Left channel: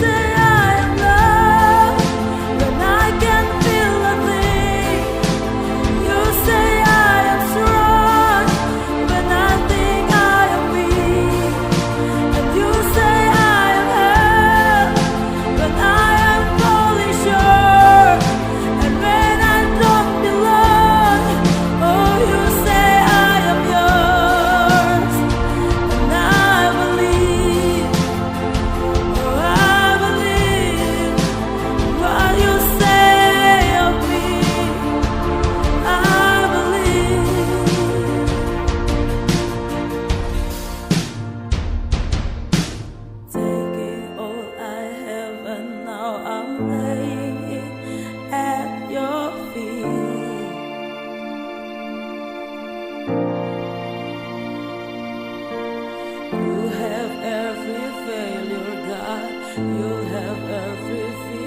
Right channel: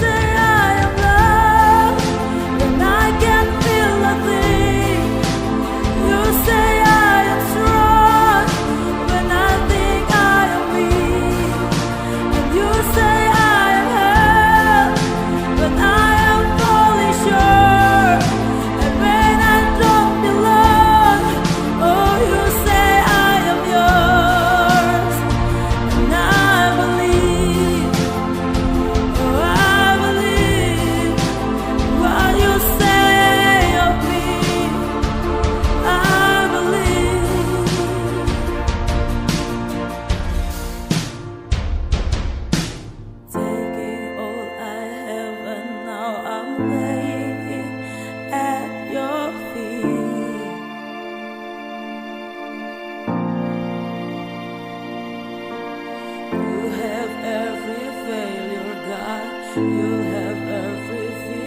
say I am loved when I can't feel a thing. You say I am strong when I think I am weak. And you say I am held when I am falling short. And when I don't belong, oh, you say I am yours. And I believe, oh, I believe what you say of me. I believe. Taking all I have and now I'm laying it at your feet. You have every failure, God. You have every fear.